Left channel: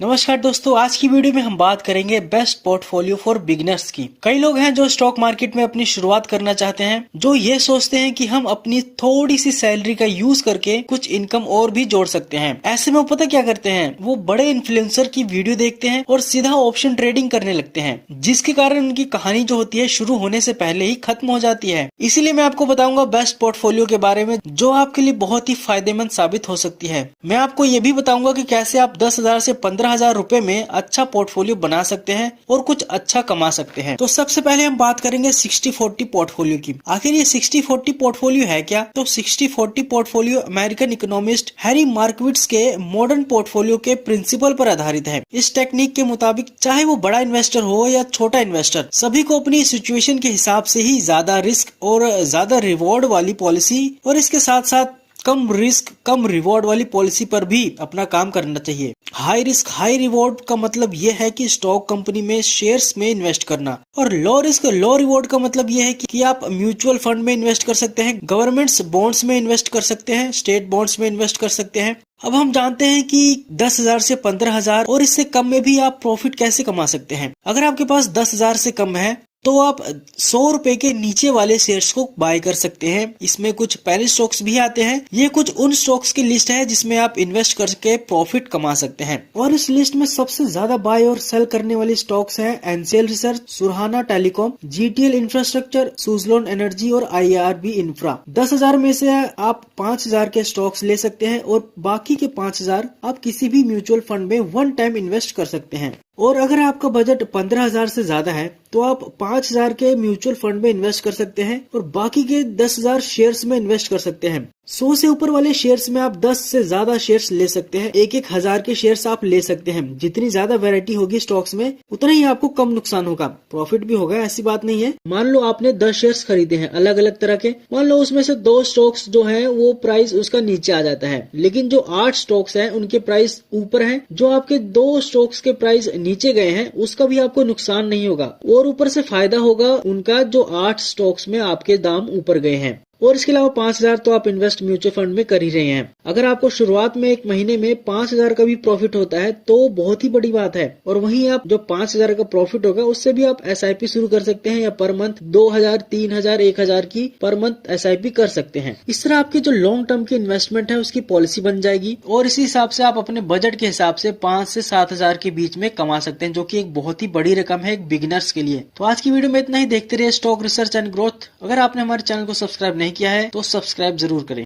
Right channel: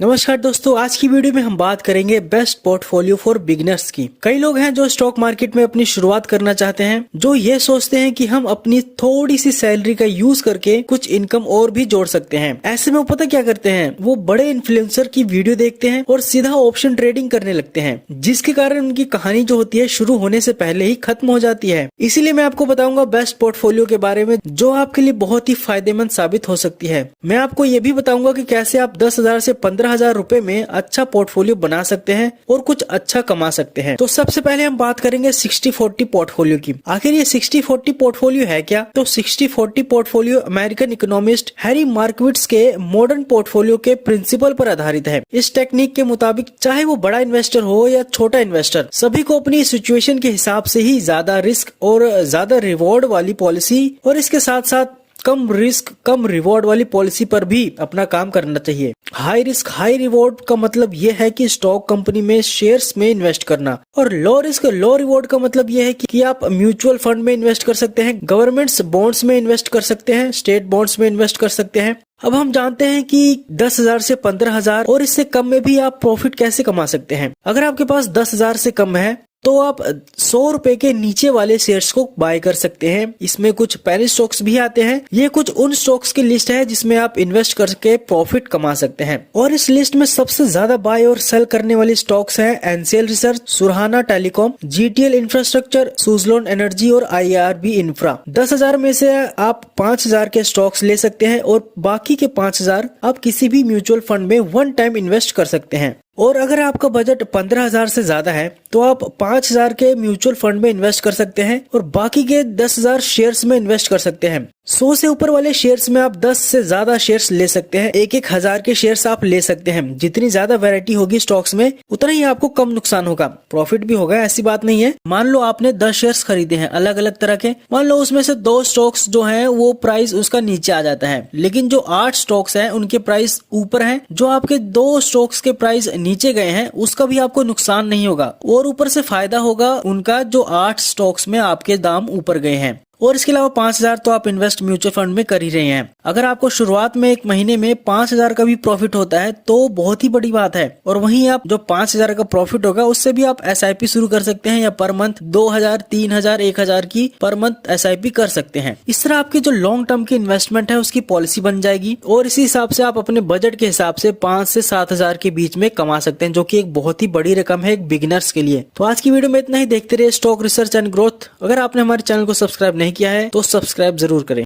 नमस्कार दोस्तों, आज की वीडियो में हम बात करेंगे बेस्ट पोर्टफोलियो फॉर बिगिनर्स की। कई लोग हैं जो स्टॉक मार्केट में अपनी शुरुआत करना चाहते हैं, जो ये सोचते हैं कि हम अपनी थोड़ी सी सैलरी का यूज करके कुछ इनकम और भी जोड़ सकते हैं। ऐसे में वो पता क्या करते हैं, वो बड़े इन्फ्लुएंसर की वीडियो देखते हैं और सीधा ऑप्शन ट्रेडिंग करने लगते हैं, जिसके कारण उनकी कहानी जो होती है शुरू होने से पहले ही खत्म हो जाती है। इसीलिए मैं आपको बताऊंगा बेस्ट पोर्टफोलियो के बारे में, जो आपके लिए बहुत ही फायदेमंद साबित हो सकती है। मैं आपको ये भी बताऊंगा कि कैसे आप 10,000 से 15,000 रुपए में अच्छा पोर्टफोलियो बना सकते हैं और कुछ अच्छा कमा सकते हैं। तो सबसे पहले हम बात करेंगे 60-40 पोर्टफोलियो की। आखिर ये 60-40 पोर्टफोलियो है क्या? तो 60-40 पोर्टफोलियो अमेरिकन इकोनॉमिस्ट हैरी मार्कोविट्ज के मॉडर्न पोर्टफोलियो के प्रिंसिपल पर आधारित है। इस टेक्निक के मुताबिक चाहे वो बड़ा इन्वेस्टर हो या छोटा इन्वेस्टर, सभी को अपनी सिचुएशन के हिसाब से ही ज्यादा रिस्क और ज्यादा रिवॉर्ड वाली पॉलिसी और इसके साथ साथ कम रिस्क कम रिवॉर्ड वाली पॉलिसी पर भी अपना काम करना चाहिए। हाई रिस्क हाई रिवॉर्ड का मतलब ये है कि स्टॉक कंपनी में शेयर्स में इन्वेस्ट करना, और लो रिस्क लो रिवॉर्ड का मतलब ये है कि आप म्यूचुअल फंड में इन्वेस्ट कर सकते हैं, गवर्नमेंट्स बॉन्ड्स में इन्वेस्ट कर सकते हैं, स्टेट बॉन्ड्स में इन्वेस्ट कर सकते हैं। अब हम जानते हैं कि 10,000 से 15,000 और इससे कम में भी आप प्रॉफिट कैसे कमा सकते हैं। अगर आपके पास 10,000 से कम है तो आप 100 रुपए के नीचे वाले शेयर्स को बाय कर सकते हैं। इसमें कुछ पेनी स्टॉक्स भी आते हैं। ये कुछ उन स्टॉक्स की लिस्ट है जिसमें आप इन्वेस्ट करके प्रॉफिट कमा सकते हैं, और इस लिस्ट में सबसे ज्यादा बाय और सेल करने वाली स्टॉक्स हैं NCL research, Surana telecom, GTL infrastructure, Suzlon energy और आईआरबी इंफ्रा। 10,000 में से आप 5,000 के स्टॉक्स ले सकते हैं और बाकी के 5,000 आप किसी भी म्यूचुअल फंड में वन टाइम इन्वेस्ट कर सकते हैं। और अगर आपका बजट 15,000 से ज्यादा है तो आप 5,000 के म्यूचुअल फंड में इन्वेस्ट कर सकते हैं और बाकी के 10,000 शेयर्स में इन्वेस्ट कर सकते हैं। 100 से ऊपर वाले शेयर्स में आप 10 से ज्यादा शेयर्स ले सकते हैं। 1,000 के शेयर्स आप ले सकते हैं। जितनी ज्यादा वैरायटी होगी स्टॉक्स में, उतना ही आपको कम नुकसान होगा, प्रॉफिट भी होगा, ऐसी बात नहीं है। मान लो आपने 10 शेयर्स खरीदे हैं अलग अलग तरह के, मान लो उसमें से 2 स्टॉक्स जो है वो प्राइस उसका नीचे आ जाता है, लेकिन जो 8 स्टॉक्स है उनके प्राइस ऊपर है। जो आपके 2 स्टॉक्स के प्राइस नीचे गए हैं उसका भी आपको नुकसान नहीं होगा, और ऊपर से फायदा होगा उनका जो 8 स्टॉक्स में आपके दाम ऊपर गए हैं। और इसके अलावा 5,000 तो आप इन्वेस्ट म्यूचुअल फंड में कर ही रहे हैं। अगर आपको शुरुआत में एक महीने में 5,000 का भी प्रॉफिट होता है तो बहुत ही बड़ी बात है। और वहीं आप जो 5,000 का प्रॉफिट होगा उससे भी आप एसआईपी शुरू कर सकते हैं, या पर मंथ 2,000, 3,000, 1,000 की पर मंथ एसआईपी कर सकते हैं। इस तरह आपकी जो लॉन्ग टर्म की इन्वेस्टमेंट है उसकी पॉलिसी बन जाएगी, और इसी हिसाब से आप अपने बजट के हिसाब से 5 से 7,000 के बीच में कमा सकते हैं, जो की एक बहुत ही बड़ी रकम है एक बिगिनर्स के लिए। तो आज की वीडियो में इतना ही। देखते रहिए स्टॉक रिसर्च एंड ग्रोथ। अगर आपने हमारे चैनल को सब्सक्राइब नहीं किया है तो सब्सक्राइब जरूर करें।